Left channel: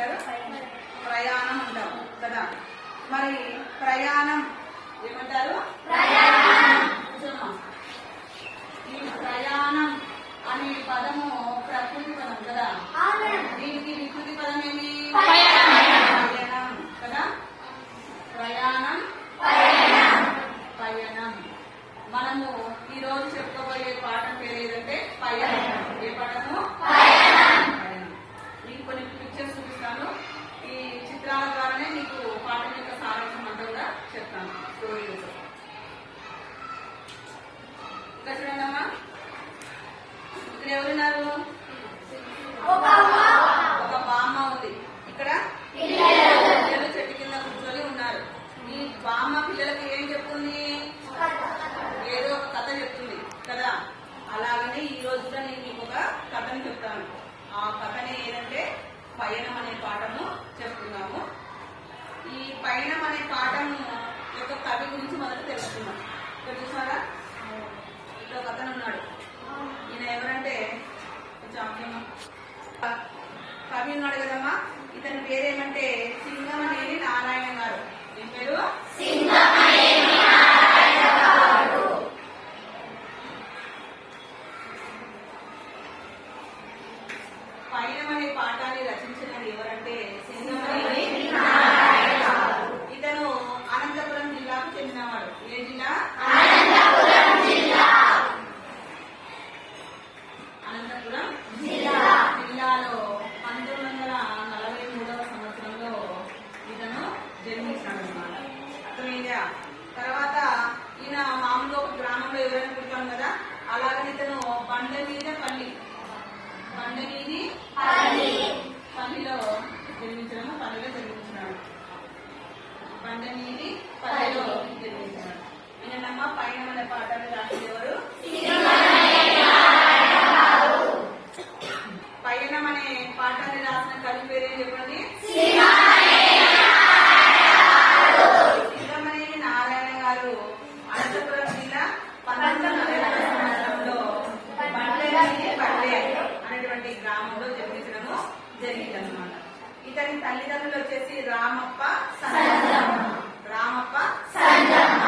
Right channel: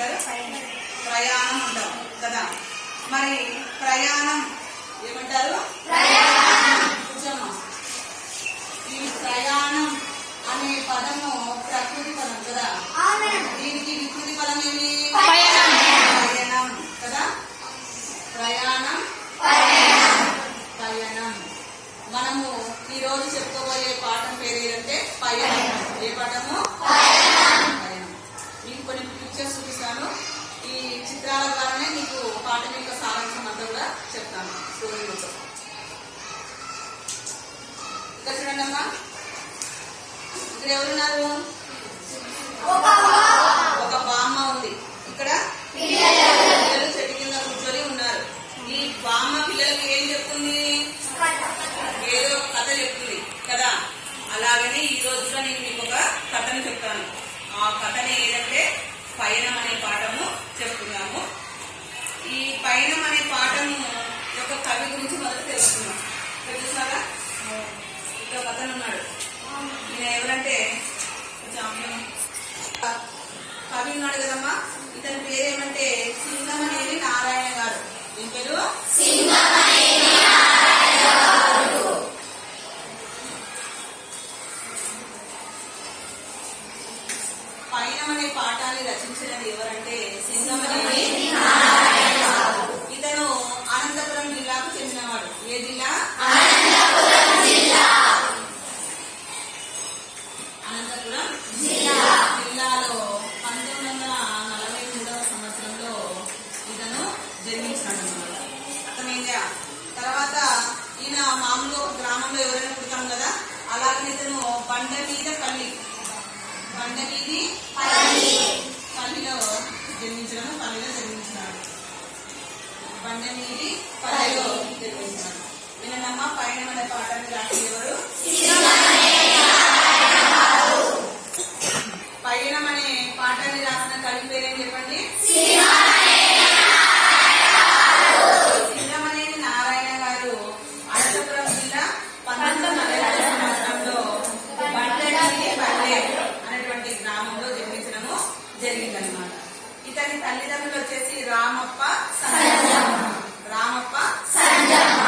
ఏమంటారు? ప్రయాణం అంటాం కదా? మరి ప్రయాణం ఏమంటారు? ఈ ప్రయాణం అనే పదము ప్రకృతి పదం కదా? దీనికి వికృతి పదం ఏమి? ప్రయాణం. కదా? ప్రయాణం. పయనం. మనము ఈ రోజు చెప్పుకోబోయే పాఠం పేరు ఏంటంటే పయనం. ఏ పాఠము? పయనం. మీకు కొన్ని పిక్చర్స్ చూపిస్తాను. ఈ చిత్రాల ద్వారానే మీకు పాఠం యొక్క సారాంశం అంతా కూడా చెప్తాను. స్టోరీ కోసం ఇక్కడ చూడండి అమ్మా ఇక్కడ ఎవరున్నారు ఒక బామ్మ ఉంది ఇక్కడ పిల్లలు చెట్టు కింద కూర్చొని ఉన్నారు ఈ బామ్మ పిల్లలకి ఏం చెప్తుంది ఏదో ఒక కథ చెప్తుంది కదా అలాగనే ఈ రోజు కూడా నేను మీకు ఒక కథను చెప్తాను ఆ కథనే ఏదంటే పయనం అనే పాఠము చెప్తున్నాము ఈ పయనం అనే పాఠము యొక్క కవి గురించి మొదట తెలుసుకుందాం ఇక్కడ చూసారా ఇక్కడ ఒక అతను ఉన్నాడు ఈయన ఎవరంటే కొంచెం ఆప్యం. కవి ఉన్నాడు కదమ్మా ఇతని పేరేమంటే సింగమనేని నారాయణ గారు ఏం పేరు పయనం అనే పాఠాన్ని రచించినది ఎవరంటే సింగమనేని మన పయనం అనే పాఠాన్ని రాసిన కవి పేరేం చెప్పండి సింగమనేని నారాయణ గారు అనంతపురం జిల్లా పంతొమ్మిది వందల నలభై సంవత్సరంలో బండలి పల్లె అనేటువంటి గ్రామంలో జన్మించడము జరిగిందనమాట ఇతని తల్లిదండ్రులు వచ్చేసి రామప్ప సంజమ్మ రామప్ప సంజమ్మ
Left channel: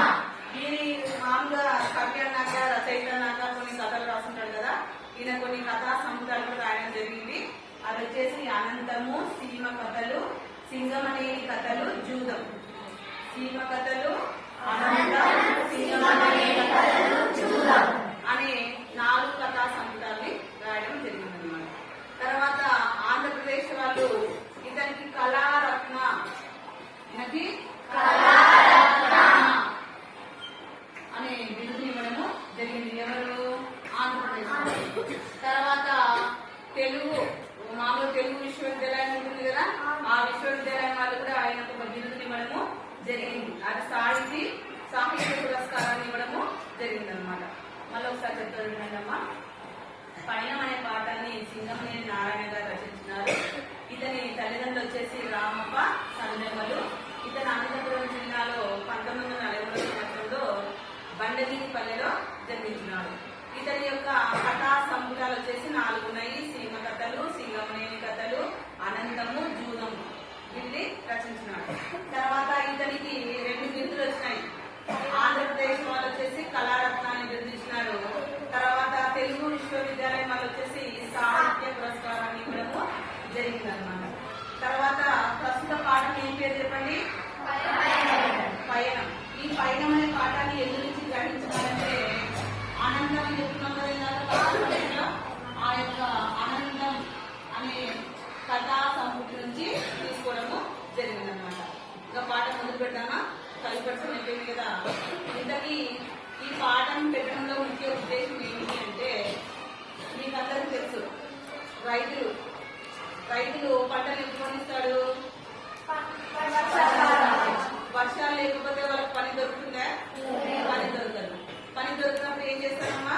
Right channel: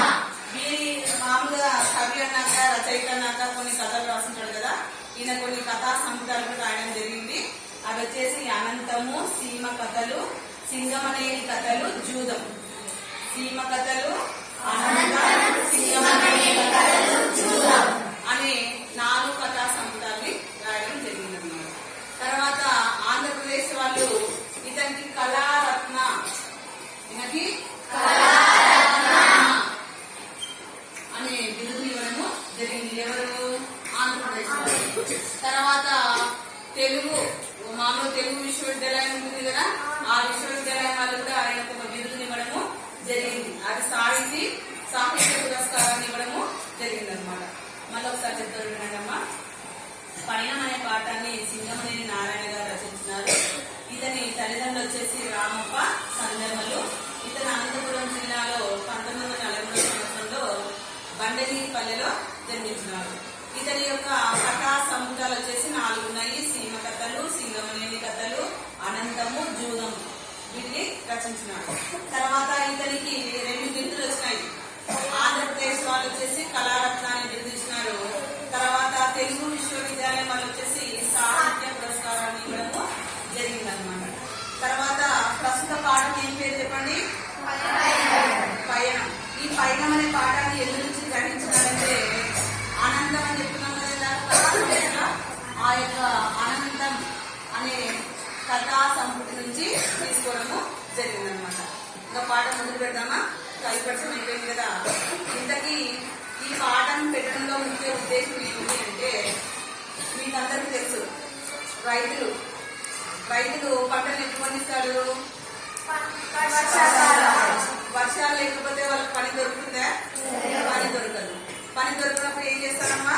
వీరి మామూలుగా కవి అన్నాక రచయిత అన్నాక కొన్ని కథలు రాస్తుంటాడు కదా ఈయన కొన్ని కథా సముద్రాలు కూడా రాయడం జరిగింది అవి వచ్చేసి అనంతము సీమ కథలు సింగమనేని కథలు జూదం. సీమ కథలు అనంతం సింగమనేని కథలు జూదం అనే నాలుగు కథా సముద్రాల్ని రాయడం జరిగిందన్నమాట తర్వాత ఆంధ్రప్రదేశ్ వాళ్ళు ఇతనికి కళారత్న ఈయనకి అనే బిరుదుని ఇవ్వడము జరిగింది ఎవరు ఆంధ్రప్రదేశ్ వాళ్ళు. తర్వాత తెలుగు మామూలు తెలుగు విశ్వవిద్యాలయం ఉంటుంది కదా ఆ విశ్వవిద్యాలయం వాళ్ళు కూడా ఆయనకు ఒక బిరుదుని ఇవ్వడము జరిగింది అది సాహితీ సాహిత్య పురస్కారాన్ని ఇవ్వడము జరిగింది అనమాట మళ్ళీ ఒకసారి చెప్తారు వినండి అమ్మా పయనం అనే పాఠాన్ని సింగమనేని నారాయణ గారు రచించినారు ఇతని తల్లిదండ్రులు వచ్చేసి రామప్ప సంజమ్మలు ఇతను అనంతపురం జిల్లాలో పంతొమ్మిది వందల నలభై మూడవ సంవత్సరంలో బండగిరిపల్లెలో జన్మించినాడు ఇతని యొక్క కథా సముద్రాలు వచ్చేసి నాలుగు ఉన్నాయి సీమ కథలు సింగమనేని కథలు అనంతము జూదము వీటిని రచించినాడు. తర్వాత ఇతనికి రెండు బిందులు వచ్చినాయి. ఆంధ్రప్రదేశ్ వాళ్ళు వచ్చేసి కళారత్నాన్ని బిందించినారు తర్వాత తెలుగు విశ్వవిద్యాలయం వాళ్ళు వచ్చేసి సాహిత్య పురస్కారాన్ని ఇవ్వడము జరిగిందనమాట తర్వాత ప్రస్తుత పాఠం ఏం పేరు చెప్పండి? పయనం ఈ పయనం అనే పాఠాన్ని ఎందుకు నుంచి గ్రహించాలంటే ఆనందం అని చెప్తున్నాం కదా ఆ యొక్క ఆనందం అనే కథా సంపుటి నుంచి తీసుకోవడము జరిగిందనమాట ఇంకా పాఠం మొదలు పెడదామా? చదువు పరిచయం అయిపోయింది కదా. ఇంతకీ ఈ పాఠం పెట్టడంలో ముఖ్య ఉద్దేశం ఏమిటి అంటే మీకందరికీ రైతులు రైతులు పంటలు ఎప్పుడు పండిస్తాడు వర్షాలు లేకపోతే వాళ్ళకి పని దొరుకుతుందా పని దొరకదు పని దొరికినప్పుడు ఏం చేస్తారమ్మా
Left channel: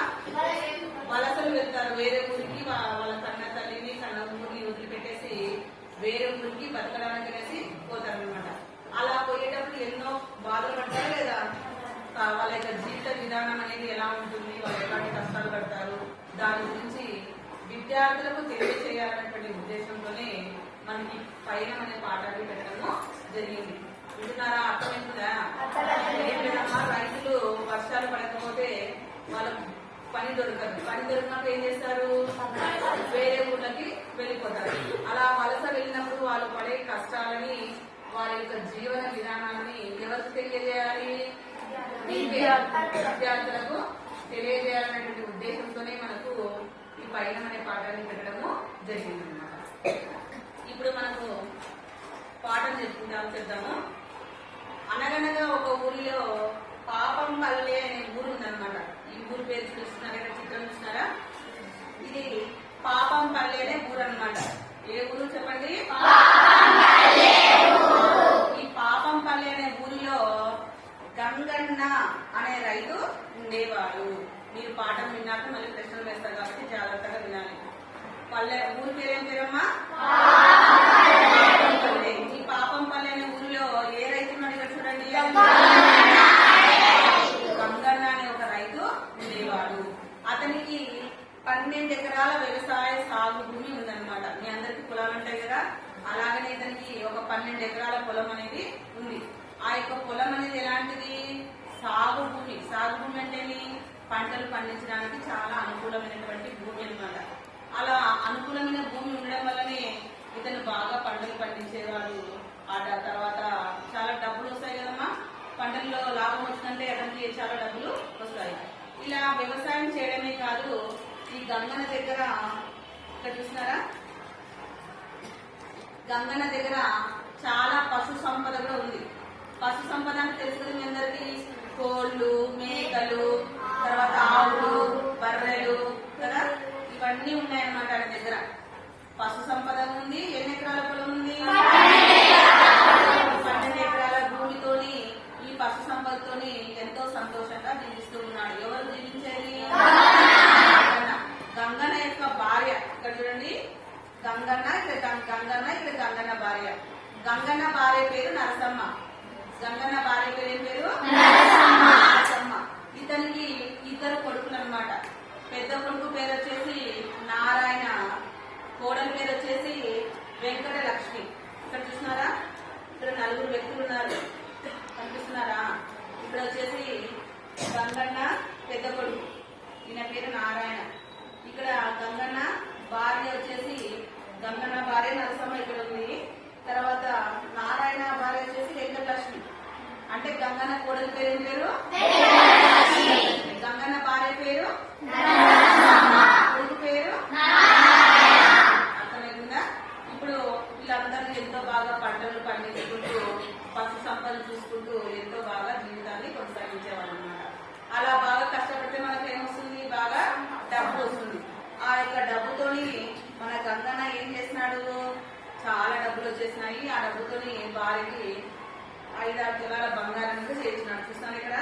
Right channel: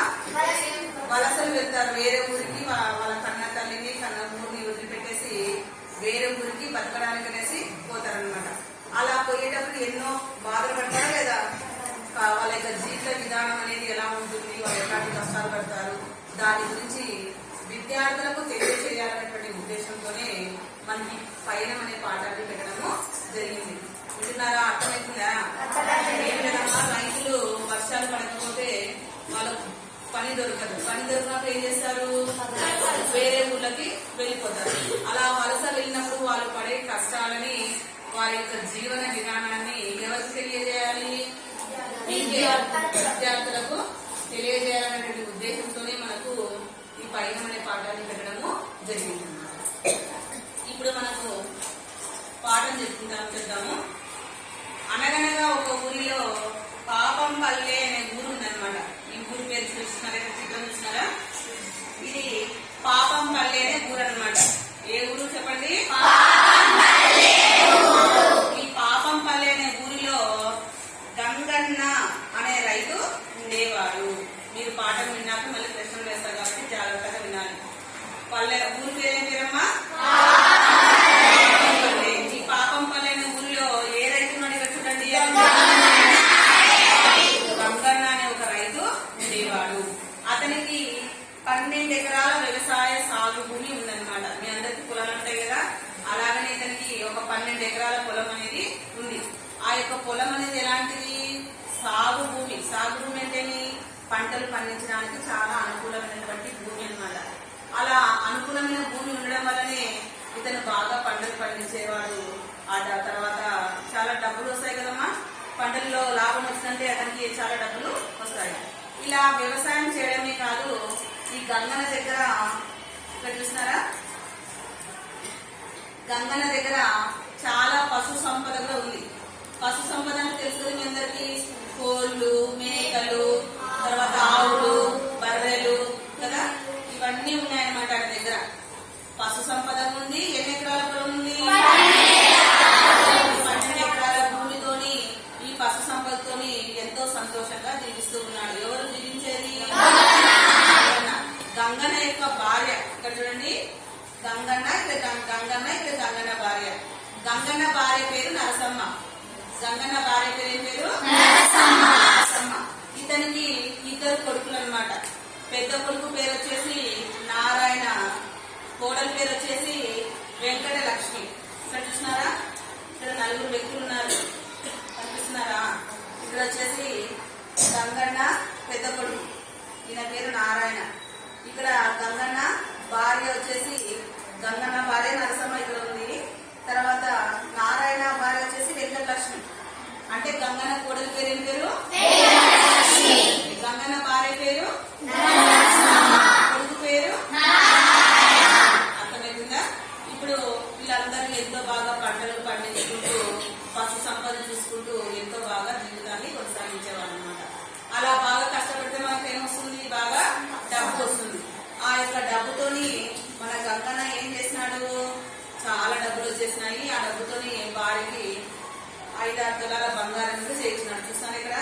వలసలు వెళ్తారు వేరే ఊరికి వా- వాళ్ళ కన్న తల్లిని కన్న ఊరిని వదిలిపెట్టేసి వేరే ఊరికి బతకడానికి అనేసి పోతారనమాట అలా పోయేటప్పుడు ఎన్నో బాధలు పడతారా లేదా? వాళ్ళ యొక్క జీవిత విధానం అనేది ఎలా ఉంటుంది? వాళ్ళు ఎలాంటి కష్టాలు పడతారు? దాని గురించి విద్యార్థులకు తెలియజేయాలనేటువంటి ఉద్దేశంతోనే మనకి పయనం అనే పాఠాన్ని పెట్టడము జరిగింది. వింటున్నారా? అర్థమవుతుందా? ఏం లేదమ్మా రైతులు వర్షాలు పడకపోతే వాళ్ళకు పని దొరకదు. పని దొరికినప్పుడు ఏం చేస్తారు? వేరే ఊళ్ళకి వెళ్ళిపోతారు. అలా వలస వెళ్ళినప్పుడు వాళ్ళు పడే కష్టాలని వారి యొక్క జీవన విధానాన్ని ఎవరికి తెలియజేయాలి. విద్యార్థులకు తెలియజేయాలనేటువంటి ఉద్దేశంతోనే మనకు ఈ పైన అనే పాఠాన్ని పెట్టడము జరిగింది ఇప్పుడు మనకు పాఠం చెప్పుకుంటాము చెప్తాము. అనగనగా ఒక ఊరిలో పాపం పల్లె అనే ఊరు ఉందన్నమాట. ఈ ఊరు పేరు చూస్తున్నారా? చిత్రం చూస్తున్నారా? ఇది పాపం పల్లె అనే ఊరు అనమాట ఏ ఊరు చెప్పండి ఈ పాపం పల్లె అనే ఊరిలో గంగన్న అనే రైతు ఉండేవాడు మీరు పాఠం విన్నాక మళ్ళీ ప్రశ్నలు వేస్తారు కాబట్టి జాగ్రత్తగా వినాలి. పల్లె ఊరి పేరేం పేరమ్మా పల్లె. ఈ పాపం పల్లె అనే ఊరిలో ఏ రైతు ఉన్నాడు ఇక్కడ చూడండి గంగన్న అనే ఒక రైతు ఉండేవాడు అతనికి పన్నెండు ఎకరాల వ్యవసాయ సాగు భూమి ఉందన్నమాట మీ అందరికి పొలాలు ఉంటాయి కదా అలాగనే ఇతనికి ఒక పన్నెండు ఎకరాల పొలం అనేది ఉంది ఆ యొక్క పొలం అనేది ఎలాంటిది సాగు భూమి సాగు భూమి అంటేని పంటలు పండించడానికి చాలా అనుకూలమైనటువంటి భూమి అన్నమాట అలా అనుకూలమైన భూమి ఉండడం వల్లనే ఇతను బాగా పంటలు పండించేవాడు ఆ డ- తర్వాత చాలా డబ్బులు వస్తాయి కదమ్మా పంటల్లో లాభం వచ్చిందంటే అతనికి చాలా డబ్బులు వస్తాయి ఇలా వ్యవసాయం చేయడమే కాదు ఈ గంగన దగ్గర ఇక్కడ చూస్తున్నారా గంగన దగ్గర చాలా పశు సంపద కూడా ఉంది. పశు సంపద అంటే తెలుసు మీ అందరికి? కోళ్ళు మేకలు తర్వాత ఆవులు బర్రెలు కదా ఇవన్నీ ఉన్నాయన్నమాట ఆయన దగ్గర పశు సంపద ఉంది ఎన్ని ఎకరాల పొలం ఉంది పన్నెండు ఎకరాల భూమితోని ఈ పశు సంపదతోని ఎంతో సంతోషంగా జీవిస్తూ ఉన్నాడు ఎవరు జీవించేది గంగన్న. గంగన్న యొక్క భార్య ఇక్కడ చూడండి గంగన్న ఇక్కడ గం- గంగన్న ఇక్కడ గంగన్న భార్య గంగన్న భార్య పేరు నరసమ్మ గంగన్న భార్య పేరు ఏం పేరు నరసమ్మ ఇతనికి ఇద్దరు కొడుకులు అన్నమాట పెద్ద కొడుకు పేరు వచ్చేసి నారాయణ కోడలి పేరు వచ్చేసి వెంకట లక్ష్మి ఇక్కడ చూస్తున్నారా ఇక్కడ నలుగురు వ్యక్తులు ఉన్నారు కనిపిస్తున్నారా ఇక్కడ వచ్చేసి గంగన్న పెద్ద కొడుకు ఈయన పేరు నారాయణ. ఇక్కడ గంగన్న భార్య వచ్చేసి గంగన్న భార్య నరసమ్మ ఇక్కడ ఉంది. తర్వాత నారాయణ భార్య వచ్చేసి వెంకటలక్ష్మి. అంటే గంగన్న కోడలి పేరు ఏం పేరు? గంగన్న భార్య పేరు? కొడుకు పేరు? అర్థమవుతుందా ఇప్పుడు వీళ్ళందరూ ఎంతో బాగా పంటలు పండించుకుంటూ పశు సంపద చూసుకుంటూ ఎంతో బాగా జీవితాన్ని కొనసాగించేవాళ్ళు అనమాట అలా బాగా కష్టపడితే మనకు ఏమొస్తుంది బాగా డబ్బు వస్తుంది. ఆ యొక్క డబ్బుతోని మన గంగన్న ఏం చేసినాడు? చాలా డబ్బులు వచ్చేసినాయి. ఆ డబ్బుతోని భార్యకి ఐదారు తులాల బంగారం కూడా చేయించినాడు. చూస్తాను ఇక్కడ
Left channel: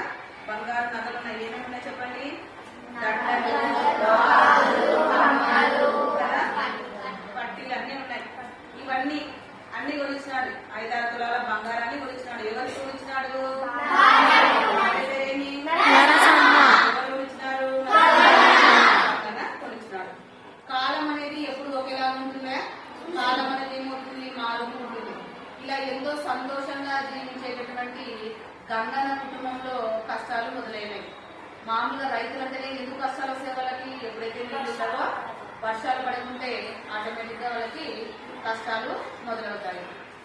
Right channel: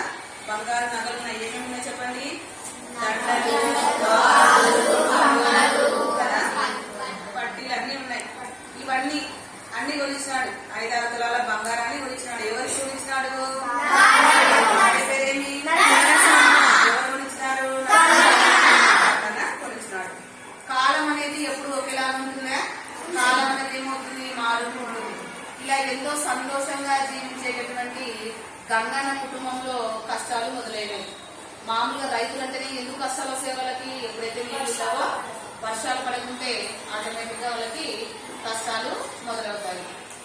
బంగారు నగలు ఉన్నాయి ఏమేమి ఉన్నాయి చెప్పండి దండలు గాజులు, కదా? పట్టీలు అన్ని ఉన్నాయి ఇవన్నీ అన్ని కొనిచ్చినాడు ఐదారు తులాల బంగారాన్ని కొనిచ్చినాడు ఎవరికి కొనిచ్చినాడు భార్య పేరేమి ఎవరు కొనిచ్చినారు గంగన్న కొనిచ్చినాడు కాలం అనేది ఎప్పుడు ఒకేలా ఉంటుందా కాలం అనేది ఏమవుతుంది మారుతూ ఉంటుంది ఇలా ఎంతో సంతోషంగా జీవించేటటువంటి గంగన్న కుటుంబంలో కష్టాలు మొదలైనవి మామూలుగా రైతులంటేనే ఎందుకు కష్టాలు వస్తాయి వాళ్ళకి ఎప్పుడైతే నీళ్ళు ఉండవో వర్షాలు పడకుంటే ఆటోమేటిక్గా వాళ్ళకి కష్టాలు మొదలవుతాయి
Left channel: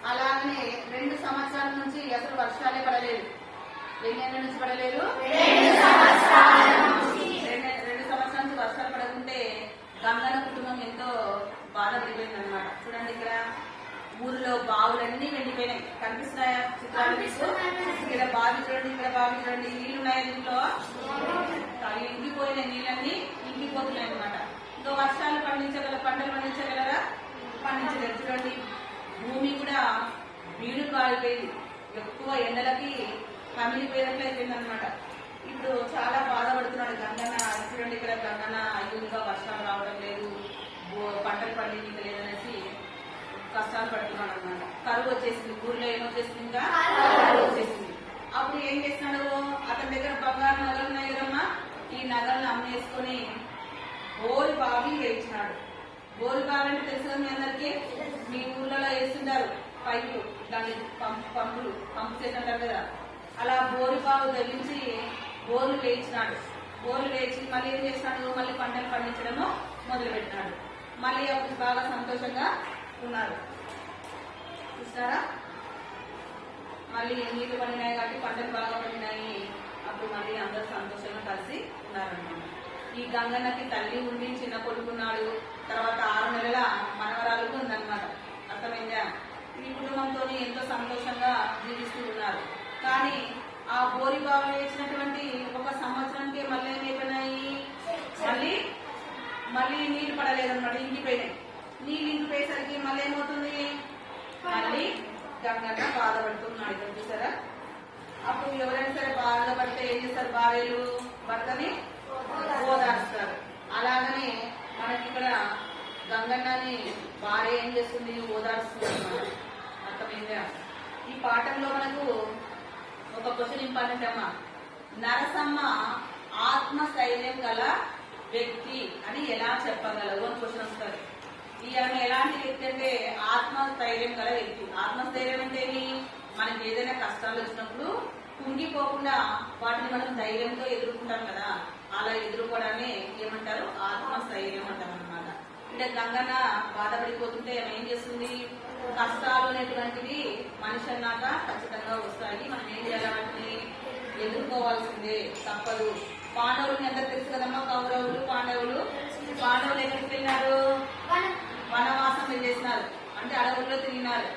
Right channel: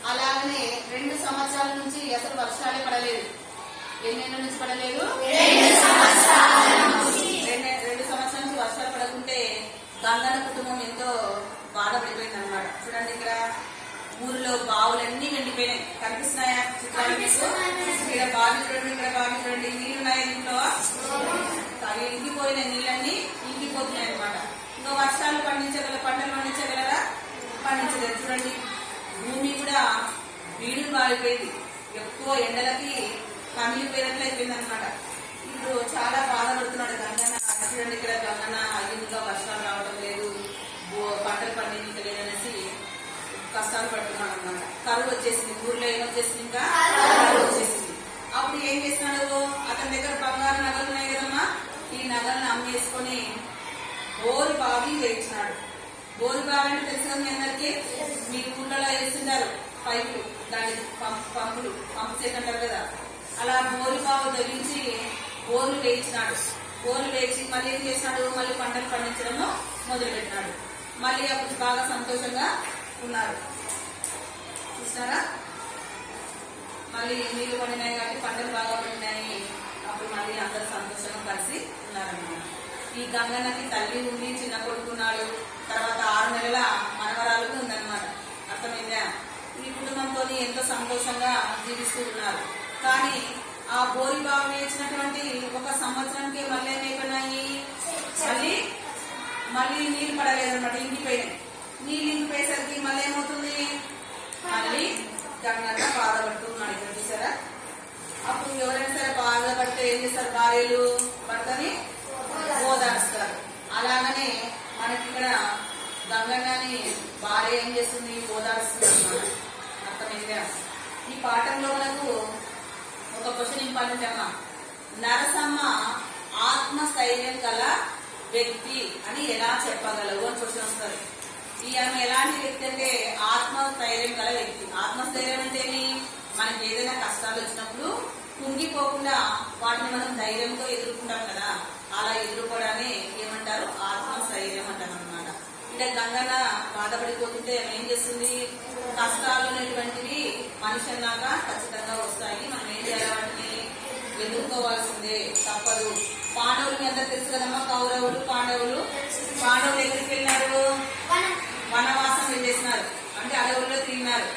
అలాగనే రెండు సంవత్సరాల నుంచి అసలు వర్షాలే పడలేదు ఎన్నేళ్ళ నుంచి పడలేదు? రెండు రెండు సంవత్సరాల నుంచి వర్షాలు పడకుంటే గంగన కుటుంబం ఎంతో బాధపడిపోయింది అనమాట చూడండి ఇక్కడ ఊరిలో బావులన్నీ వెండిపోయినాయి కనిపిస్తున్నాయా చిత్రాలు మీకు? ఇక్కడ బావి చూడండి ఇక్కడ బావి చూడండి. నీళ్ళు ఉన్నాయి దీంట్లో? అవి ఇంకిపోయిన నీళ్ళన్నీ ఇంకిపోతున్నాయి అనమాట ఇంకా వర్షాలు పండించగల పంటలు పండించగలరా? పండించలేదు. చూడండి భూమి కూడా వీడు మారిపోయింది ఎక్కువ ఎండలకి కమిలిపోయినట్లు అయిపోయింది అనమాట ఇప్పుడు చాలా బాధపడుతున్నాడు గంగన్న. చూడండి ఇక్కడ గంగన్న అయ్యిందిగా వర్షాలు రావడం లేదు. పంటలు పండించక లేదనేసి కష్టాలు పడుతున్నాడు అనమాట కరువు వచ్చేసింది. ఊర్లో ఏమొచ్చేసింది ఇంకా? కరువు వచ్చేసింది. అప్పుడు ఏం చేసినాడు అతని దగ్గర బంగారు నగలు ఉన్నాయి కదమ్మా. ఈ నగలను అమ్మేసుకొని బోరు బావి వేయించినాడు. బోరు బావి అంటే తెలుసు మీ అందరికి? మీ ఊళ్ళలో వేస్తున్నారు పైపులు. దాని పంప్ పంపులు. పంపు సెట్ అంటారు కదా? అలా బోరు బావి బోర్లు వేయించినాడు బోర్లు వేయించి మళ్ళీ ఏం చేసినాడు మళ్ళీ పంటలు పండించడము మొదలుపెట్టినాడు. మళ్ళీ అప్పుడు బాగా సంతోషంగా ఉన్నారు. చూసారా మళ్ళీ నీళ్ళు పండినాయి కాబట్టి పంటలు బాగా పండినాయి. అప్పుడు మళ్ళీ అందరూ సంతోషంగా కలిసి ఉన్నారన్నమాట. ఈ గంగన్నకి తల్లి ఉంది చిన్న కొడుకున్నాడు తర్వాత ఆరు నెలల మనవరాలు ఉందన్నమాట. అర్థమైందా? ఈ కుటుంబంతో ఎంతో సంతోషంగా జీవిస్తూ ఉన్నారు. కానీ ఆ బోరి బావి వేసినటువంటి ఒక సంవత్సరంకే మళ్ళీ ఏమైపోయినాయి మళ్ళీ మళ్ళీ నీళ్ళు పడలేదన్నమాట ఇంకిపోయినాయి. నీళ్ళు ఇంకిపోయేసరికి మళ్ళీ ఏమవుతుంది? మళ్ళీ గంగన్న బాధపడుతున్నాడు ఇక్కడ చూసారా? అప్పుడు ఎవరైనా సరే బాధపడితే ఏం చేస్తారు భార్యలు? భర్తని ఓదారుస్తారు. అలాగనే మనకి ఇక్కడ గంగన్నని భార్య ఏం చేస్తుంది? ఓదారుస్తుంది అనమాట అర్థమైందా? ఈ పాఠంలో మనకు ఒక క్వశ్చన్ ఇంపార్టెంట్ అమ్మా. నరసమ్మ ఆత్మస్థైర్యం గల వ్యక్తి అని ఎలా చెప్పగలవు అని క్వశ్చన్ వస్తుంది. ఈ ఆమె ఎలాంటి వ్యక్తి అంటే ఆత్మస్థైర్యం గల వ్యక్తి. ఆత్మస్థైర్యం అంటే మనకి ఏదైనా కష్టాలు వచ్చినప్పుడు కుంగిపోకుండా వాటిని మనం ధైర్యంతో ఎదుర్కొంటాం కదా. అలా ఎదుర్కోవడాన్ని ఏమంటారు? ఆత్మస్థైర్యం అంటారు అనమాట ఇక్కడ గంగన్న బాధపడిపోతుంటే ఆమె ఏం చేస్తుంది? కష్టాలు అనేటువంటివి మనిషి అన్నాక ఖచ్చితంగా వస్తాయి. మనం ఏం చేయాలి? వాటిని ఎదుర్కోవాల్సిందే తప్పదు. పాండవులు మీ అందరికి తెలుసు కదమ్మా కౌరవులు పాండవులు. పాండవులు ఎక్కడికి వెళ్ళినారు? వనవాసం వెళ్ళేసినారు. అంటే అడవుల్లో తిరిగినారు.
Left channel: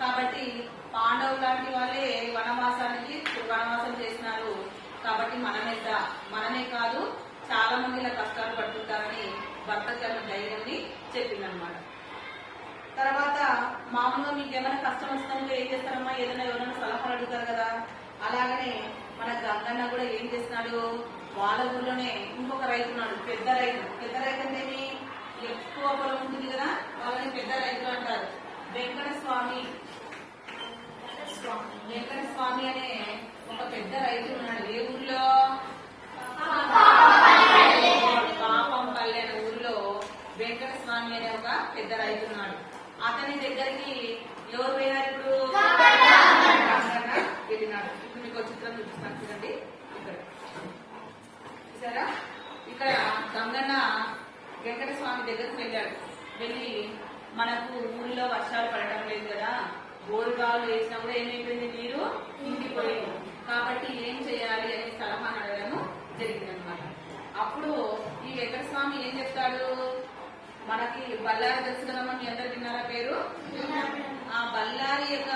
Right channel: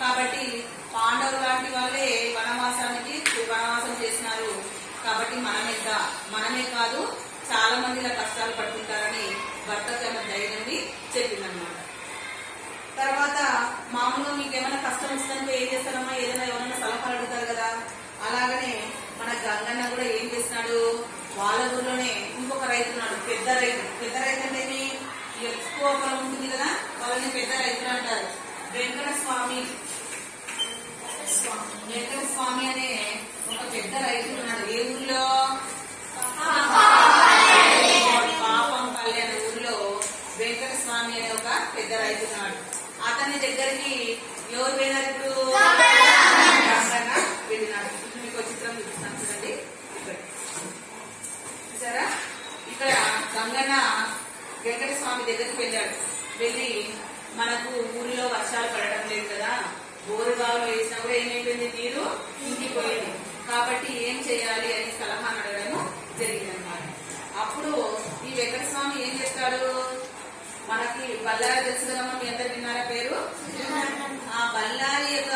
కాబట్టి పాండవులు లాంటి వాళ్ళే వనవాసానికి వనవాసం చేసినారు. కాబట్టి మనమే కా- మనమే కాదు చాలా మంది ఇలా కష్టాలు పడుతుంటారని భర్తకు ఆమె ధైర్యాన్ని చెప్పిందనమాట తర్వాత మామూలుగా మీకు ఏమైనా కష్టం వచ్చినప్పుడు ఏం చేస్తారమ్మా? ఏదైనా ఎవరైనా సలహాలు అడుగుతారు కదా. అలాగనే మన గంగన్న కూడా ఏం చేస్తున్నాడు? వాళ్ళ ఊర్లోనే ఇంకొక రైతు ఉన్నాడు పెద్ద రైతు. పెద్ద రైతు అంటే ఎక్కువ పొలం ఉంటుంది కదా వాళ్ళని పెద్ద రైతులు అంటారు. వెంకట స్వామి వెంకట స్వామి అనే ఒక పెద్ద రైతు మీ దగ్గరికి ఎవరు పోయినారు ఇప్పుడు? వెళ్ళినారు. ఇప్పుడు మీకు చిత్రం చూపిస్తాను చూడండి. ఇక్కడ. చూసారా? ఇక్కడ గంగన్న వెంకట స్వామి దగ్గరికి వెళ్ళాడు. వెళ్ళి మనకు ఊరిలో వర్షాలు పడడం లేదు కదా. బోరుగాలు వేసినప్పుడు ఏమైపోయింది? నీరు ఇంకిపోయింది కాబట్టి ఏం చేయాలి అని సలహా అడగడం జరిగింది అన్నమాట అప్పుడు ఈ వెంకట స్వామి ఏం చెప్తాడు? మనకి బళ్ళారి తెలుసు కదమ్మా మీ అందరు విన్నారా పేరు? ఆ బళ్ళారి యొక్క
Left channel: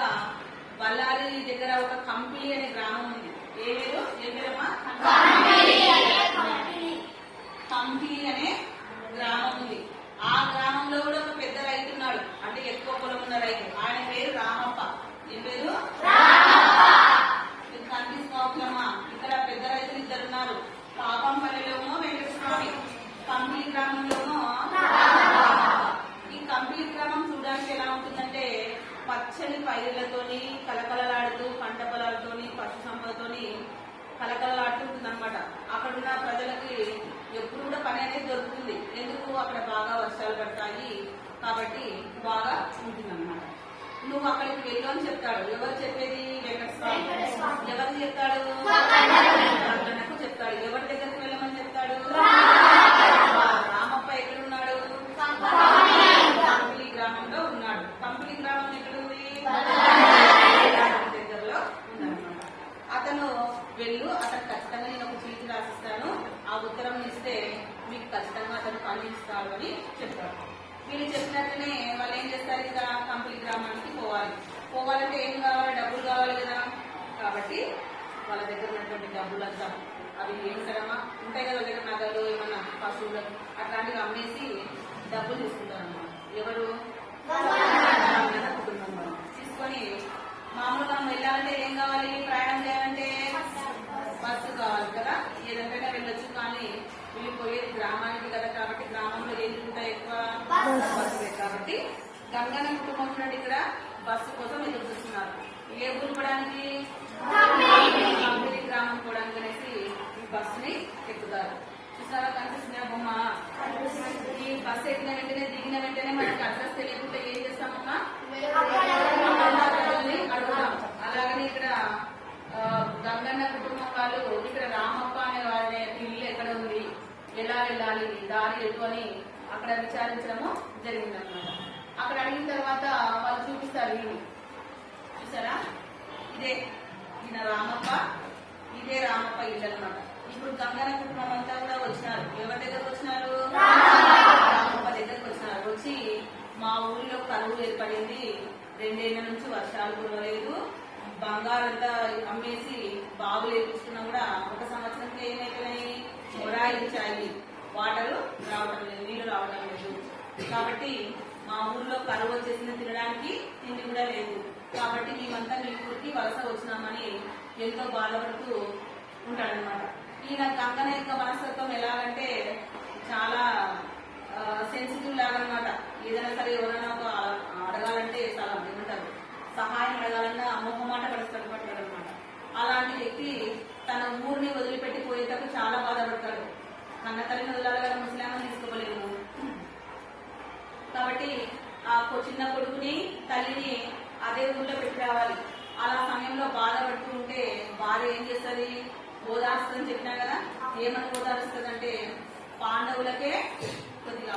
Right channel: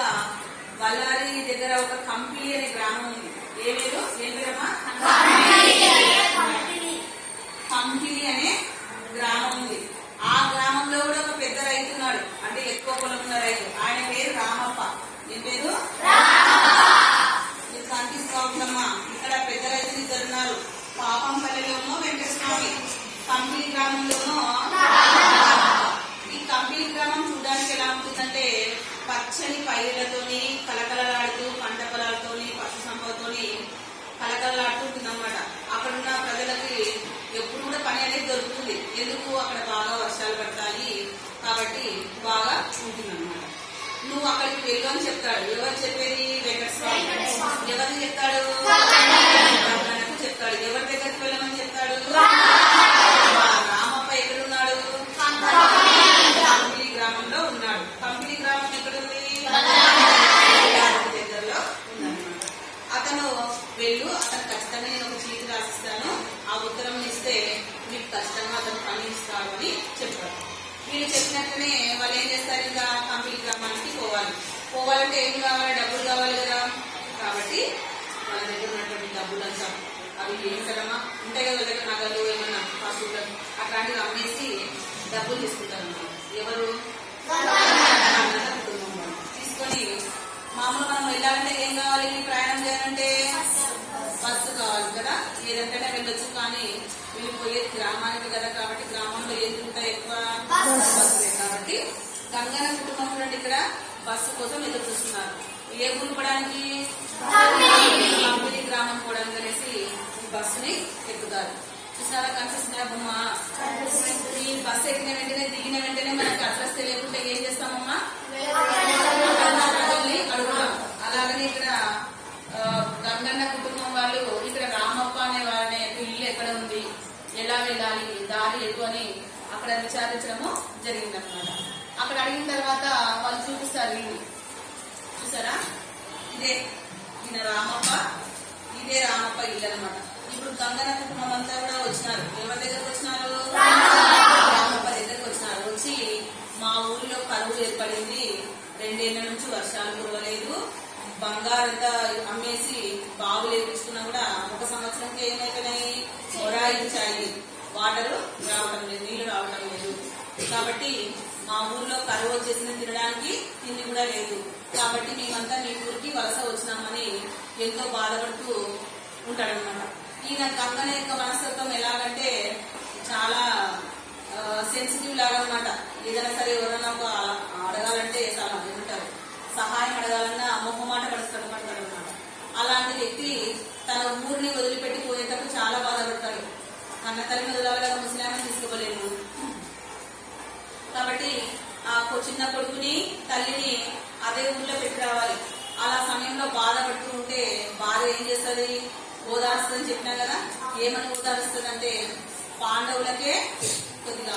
బళ్ళారి దగ్గర ఒక కంపిలి అనే గ్రామం ఉంది. ఏ పేరు? ఏం పేరమ్మా కంపిలి అనే గ్రామం ఉంది. ఆ గ్రామంలో కూడా ఒక పెద్ద రైతు ఉన్నాడు. అంటే ఎక్కువ పొలం ఉన్న రైతు. ఆయన పేరు రామప్ప. ఏం పేరు? మీకు ఇక్కడ పెద్ద రైతులు ఇద్దరు ఉన్నారు. పాపంపల్లిలోనూ వెంకటస్వామి కంపిలి గ్రామంలోనూ ఈ కంపిలి గ్రామం చూడడానికి ఎలా ఉంటుందంటే పచ్చని పైరులతోని కలకలలాడుతూ పంట పొలాలతోని పశు సంపదతోని కలకలలాడుతూ ఉంటుంది అనమాట అక్కడ ఉన్న ప్రజలకి ఎప్పుడు కూడా పని అనేది దొరుకుతుంది. ఎందుకు? అక్కడ బాగా వర్షాలు పడతాయి కాబట్టి బాగా ఉంటుంది అనమాట నువ్వు అక్కడికి వెళ్ళు అని చెప్తాడు. ఎవరు చెప్పేది? వెంకటస్వామి ఎవరిని చెప్తాడు? చెప్తాడు. ఎవరి దగ్గరికి వెళ్ళమని చెప్తాడు ఆ రామప్ప ఎక్కడున్నాడు పంపిలి గ్రామంలో ఉన్నాడు పంపిలి గ్రామం ఎక్కడుంది దగ్గరలో ఉందన్నమాట అతను వెళ్ళు అతను ఖచ్చితంగా నేను ఒక చీటి రాసిస్తాను ఆ ఉత్తరం ఇస్తే మీకు ఖచ్చితంగా అతను ఉన్నారు అని చెప్పాడు వీళ్ళు చెప్పినట్లనే వాళ్ళు ఏం చేస్తారు? ఇంకా కంపెనీ గ్రామానికి పోవాలి. పోవాలంటే ఏం కావాలి? డబ్బులు కావాలి కదా. కాబట్టి వాళ్ళ దగ్గర ఉన్నటువంటి డబ్బులు అంతా అవి ఏం కదమ్మా? ఉంటాయి కదా వాళ్ళ దగ్గర నగలు ఏమన్నా పశువులు అట్లాంటివి అమ్మేసి డబ్బులు తీసుకుంటారు బస్సు కోసం ఎదురు చూస్తున్నారు ఏ ఊరు పోవడానికి కంపెనీ గ్రామం పోవడానికి అనేసి ఈ బస్సుని ఎక్కుతారు. చూసారా కనిపిస్తున్నాయా బొమ్మ? ఈ బస్సు ఎక్కిన వెంటనే దిగిన వెంటనే మనకు అడ్రస్ తెలియకుండా ఏం చేస్తామమ్మా? అడుగుతాం. అలాగనే ఇక్కడ ఆ, గంగన్న కుటుంబం వాళ్ళు ఇక్కడ రామప్ప అనే వారి ఇల్లు ఎక్కడ ఉంది? ఎలా వెళ్ళాలి? దారి ఎటు అని అక్కడ విచారించడము జరిగిందనమాట అక్కడ అడిగిన తర్వాత వాళ్ళు చూపిస్తారు ఇల్లు చూసారా? ఇదే ఈయన రామప్ప ఇదే రామప్ప ఇల్లు అనమాట ఇప్పుడు గంగన కుటుంబం అంతా కూడా వచ్చినారు. ఎవరి దగ్గరకు వచ్చినారు? రామప్ప దగ్గరకు వచ్చినారు. వచ్చి మా ఊరిలో కరువు ఏర్పడింది. రెండేళ్ళ నుంచి వర్షాలు కురవలేదు. బంగారంతా అమ్మేసి బాబు లేపించుకున్నా కూడా ఒక సంవత్సరంకి ఏమైపోయినాయి? మొరాయించాయి వాటరు రావడం లేదు నీళ్ళు రావడం లేదు. కాబట్టి మా ఊర్లో కరువు వచ్చేసింది తినడానికి తిండి కూడా లేదు. కాబట్టి మేమంతా మీ ఊరికి వలస వచ్చినామని ఎంతో బాధపడుతూ ఉంటాడనమాట ఈయన కంగన యొక్క మనస్తత్వం ఎలాగంటే చాలా సెన్సిటివ్ లాగా అనమాట ఏదైనా సరే ఎవరైనా ఒక అడగాలంటే చాలా ఏమంటారు సహాయం అడగాలన్నా మొహమాట పడుతాడు పడతాడు అనమాట అలాంటి వ్యక్తి తన ఊరిని వదిలిపెట్టి పోయేటప్పుడు చాలా బాధపడతాడు. కన్న తల్లిని వదలాలి కదా ముస్లామని తీసుకోలేము. కాబట్టి ఆ చిన్న కొడుకుని తల్లిని అదే ఊర్లో పెట్టి రావాలి. అలా సమయంలో బాధపడుతూ ఉంటే బాధ ఏం చేస్తుంది? ఓదారుస్తుందని చెప్పినా కదా ఏమని ఓదారుస్తుంది అంటే పాండవులకే కొద్దిగా.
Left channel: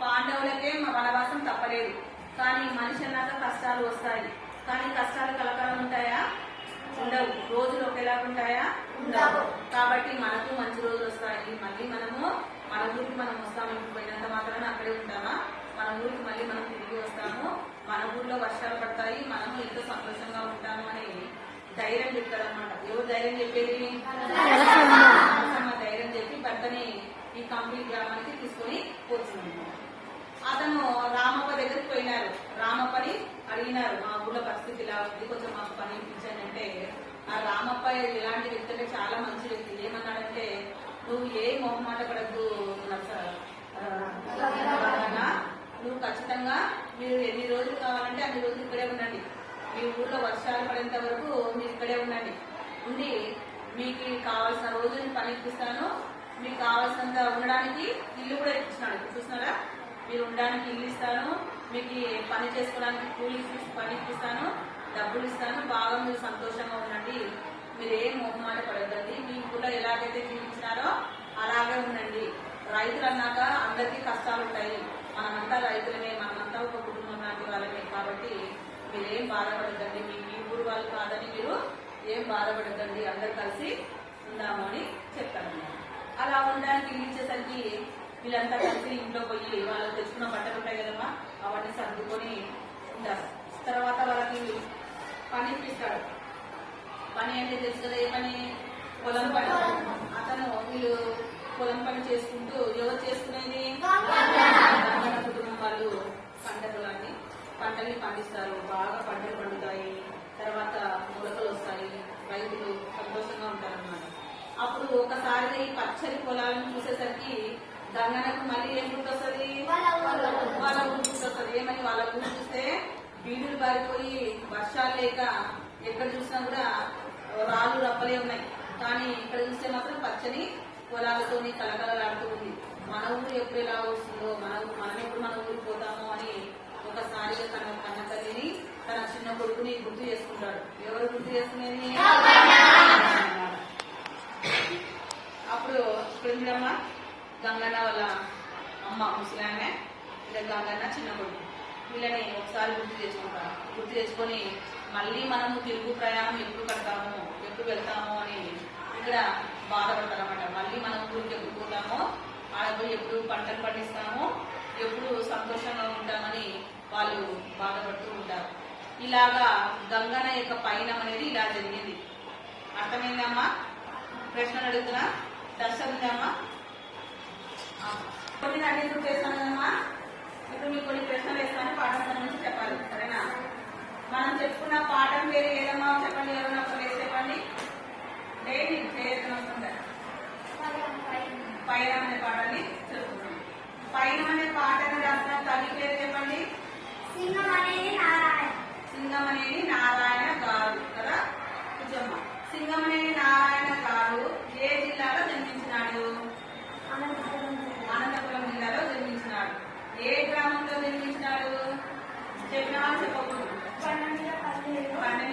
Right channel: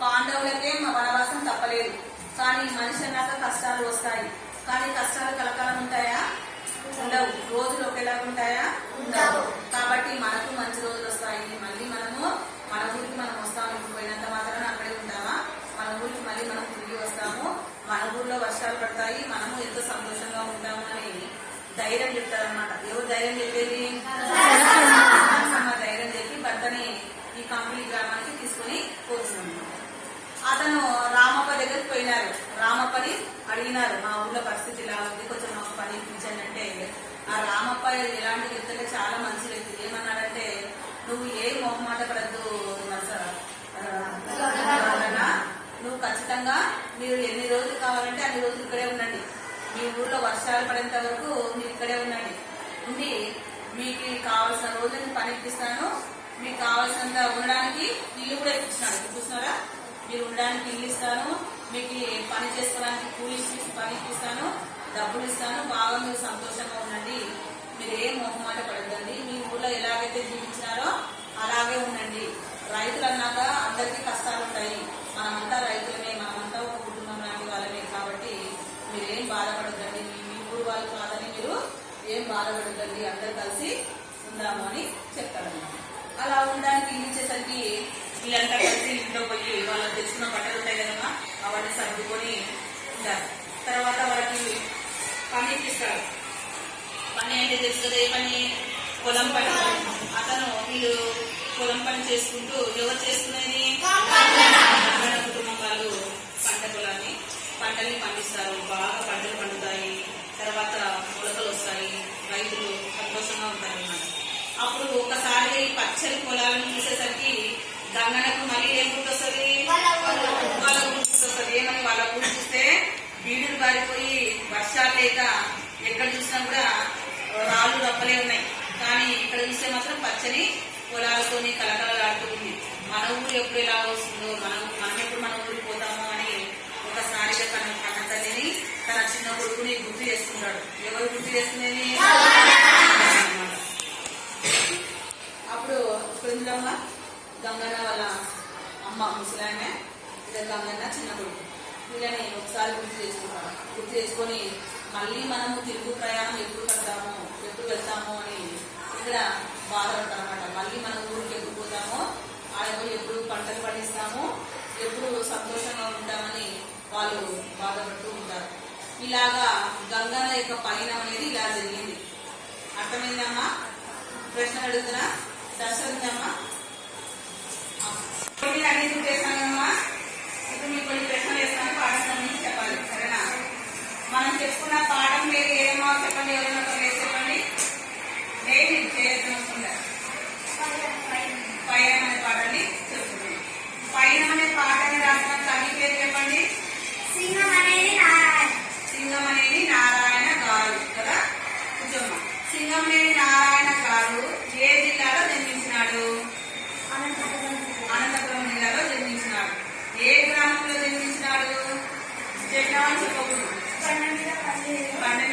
పాండవులకే మా వనవాసం తప్పలేదు. కానీ మనిషి అన్నాక కష్టాలు వస్తాయి. కానీ కష్టాలు కలకాలం ఉంటాయా? ఉండవు. రోజులు ఒకేలా ఉంటాయా? ఉండవు. కాబట్టి మనకు మంచి రోజులు వస్తాయి. మళ్ళీ మనము మన ఊరికి మనం వస్తాము పోయినంత మాత్రాన అక్కడే ఉంటామా? మన ఊరికి మళ్ళీ మనం తిరిగి వస్తాము. మన ఊర్లో వర్షాలు పడతాయి మనము ఎంతో సంతోషంగా ఉంటాము అని ధైర్యం చెప్తారనమాట ఎవరు ధైర్యం చెప్పేది? ధైర్యం చెప్పి భర్తని ఈ కంపెనీ గ్రామానికి తీసుకుని పోతుంది అతను రామప్ప దగ్గరికి పోయినారు. రామప్పని అడిగినారు మా ఊళ్ళో పరిస్థితి ఇలా ఉంది కొంచెం మాకు పని ఇప్పించండి. అంటే ఆ రామప్ప ఇలాంటి వ్యక్తి అంటే చాలా మంచి వ్యక్తి. ఏమన్నాడంటే నువ్వు ఏ మొహమాట పడద్దు నువ్వు ఖచ్చితంగా మీరు ఎన్ని రోజులు కావాలంటే అన్ని రోజులు ఇక్కడే ఉండండి. మీ ఊర్లో వర్షాలు పడేంత వరకు మీరు ఇక్కడే ఉండండి. ఉండి మీకు కావాల్సిన రోజు పని ఇప్పిస్తాను. మీకు కావాల్సినంత ఉండడానికి ఇల్లు కూడా ఇప్పిస్తున్నాడు చూస్తున్నారా మీరు ఉండడానికి ఇల్లు ఇస్తాను. మీకు పని చేసుకోవడానికి కూలి పని ఇప్పిస్తాను. డబ్బులు ఇస్తాను. బాగా మీరు సంతోషంగా ఉండండి. మీరు ఏం మొహమాట పడద్దండి. మీ ఊర్లో ఎలాగైతే జీవించినారో అలాగే ఉండండి. రైతులు అన్నాక అందరికీ కష్టాలు ఉంటాయి మనమంతా రైతులమే మనమంతా ఒక కుటుంబం లాంటి వాళ్ళమే కాబట్టి మీరేం బాధపడద్దండి. మీ మీ ఊరు వాళ్ళు కాదని మీరు ఏం బాధపడద్దండి. అందరు కలిసి ఉందాము అని చెప్తాడన్నమాట అలా ఉండడానికి ఇల్లు ఇచ్చేసరికి వీళ్ళంతా కలిసి ఇంట్లో పోయి వాళ్ళు తెచ్చుకున్న బట్టలు ఉంటాయి కదమ్మా అవన్నీ సర్దుకొని ఉంటారు తర్వాత వాళ్ళకి పని ఇప్పిస్తారు. పని అయితే తెలుసు కదా ఏ పని. పొలం పని. అతను వీళ్ళు పొలం పని చేసుకుంటూ ఎవరు చేసుకునేది? రంగన కుటుంబం వాళ్ళు పంట పొలాన్ని పంటల్ని పండిస్తారు. బాగా పంటలు పండుతాయి. తర్వాత మొలకలు వస్తాయి. రైతులు సంతోషంగా ఉంటారు అన్నమాట అప్పుడు ఒకసారి పచ్చడి పచ్చని పొలాలను చూసేసరికి గంగనకు మళ్ళీ ఏం గుర్తొస్తుంది? వాళ్ళ గుర్తొస్తుంది. ఏమని వాళ్ళ ఊరు చూస్తే బీడులు బారిపోయి వర్షాలు లేక ఎక్కడ చూసినా కూడా రాళ్ళు రప్పలే ఉన్నాయి. కానీ ఇక్కడ చూస్తే మాత్రం పచ్చని పొలాలతోని కలకలలాడుతూ ఉంది. మన ఊరు ఎప్పుడు ఎలా వస్తుందో మన మనం ఎప్పుడు మన ఊరికి పోతామో అని ఒకసారిగా తన తన తల్లిని తన చిన్న కొడుకుని గుర్తు చేసుకుంటాడు. ఎవరు గుర్తు చేసుకునేది? అన్నమాట. అప్పుడు ఇప్పుడు గంగన్న వాళ్ళ అమ్మ ముసలామె ఇక గంగన్న చిన్న కొడుకు. వీళ్ళని ఒకసారి గుర్తు చేసుకుంటాడు గుర్తు చేసుకొని మళ్ళీ మనము తిరుగు ప్రయాణం ఎప్పుడు పెడతాము ఎప్పుడు వెళ్తాము అని ఇక్కడ బాధపడతాం అనమాట మళ్ళీ మనం ఊరికి ఎప్పుడు పోతామో ఆడపోయి ఎప్పుడు పంటలు పండిస్తాము ఎప్పుడు సంతోషంగా ఉంటామని వాళ్ళు బాధపడుతూ ఉంటారు. ఇలాగా గంగన యొక్క పయనం అనేది ఇలా జరిగింది. అర్థమైందమ్మా? ప్రశ్నలు అడుగుతున్నా? దర్శనమ్మా అనేది చేశానమ్మా ఇప్పుడు మీకు కొన్ని ప్రశ్నలు వేస్తాను పాఠశాల చెప్పాలి. సరేనా? మనం చెప్పుకున్న పాఠం లేదు ఏదమ్మా చెప్పండి ఎవరైనా ఒక వేసి చెప్పండి? డైలీ చేయకుండా పైన అనే పాఠాన్ని చెప్పుకున్నాం పైన అనే పాఠాన్ని రాసిన కవి పేరు చెప్పండి. సింగం అనేది నారాయణ. సింగం అనేది నారాయణ గారు కదా? కొంచెం సింగం అనేది నారాయణ గారు ఏ జిల్లాలో జన్మించినాడు? అనంతపురం జిల్లాలో జన్మించినాడు. ఏ గ్రామంలో జన్మించినాడు? జడ్డా అని చెప్పకూడదు. Amen.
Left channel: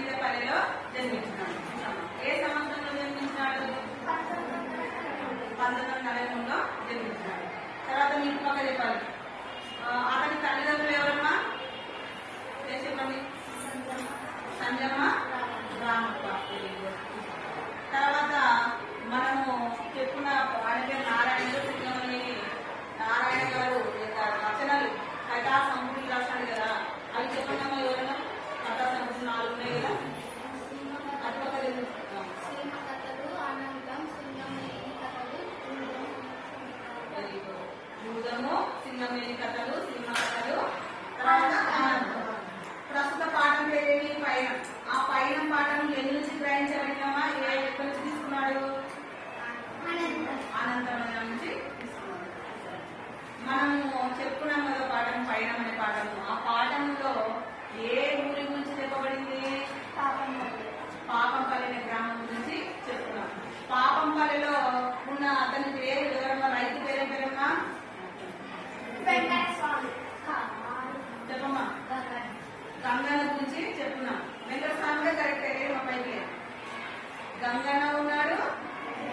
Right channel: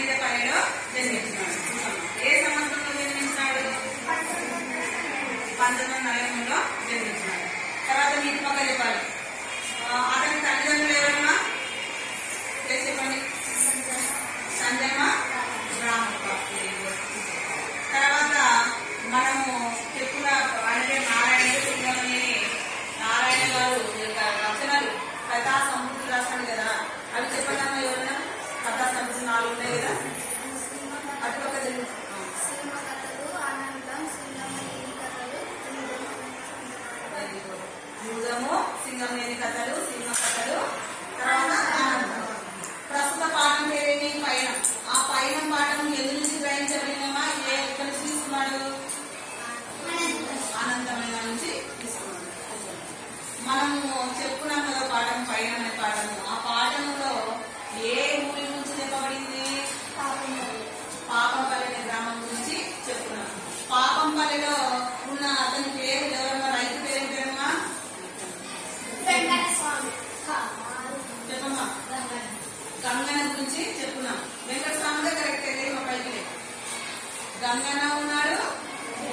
గంగన్న ఉన్నాడు.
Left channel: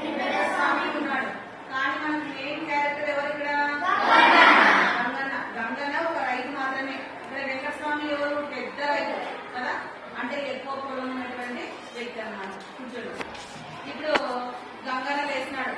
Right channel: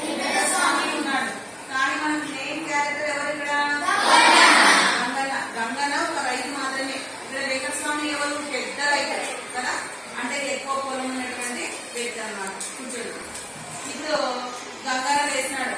వెంకటస్వామి ఉన్నాడు. కానీ మనం మెయిన్ క్యారెక్టర్ ఎవరు ఇక్కడ? గంగన గంగన్న ఒక రైతు మాత్రమే. ఇక్కడ వెంకటస్వామి ఎవరు? పెద్ద రైతు. కదా? అంటే ఎక్కువ పొలం ఉన్నటువంటి వ్యక్తి అనమాట కూర్చోడు. ఇప్పుడు గంగన వేసినాడు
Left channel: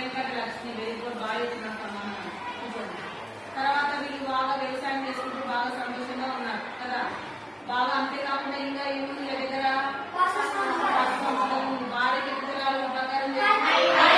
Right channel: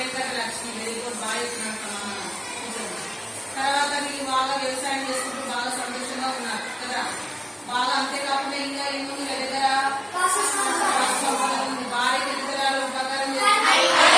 వెంకట లక్ష్మి వెరీ గుడ్ బాగా చేసిన తర్వాత వీళ్ళు బాగా వ్యవసాయం చేసుకుంటూ బాగా సంతోషంగా ఉన్నారు కదా? బాగా అంతేకాకుండా ఇంకా ఏముంది దగ్గర? భారీ దగ్గర బంగారం చేస్తున్నారు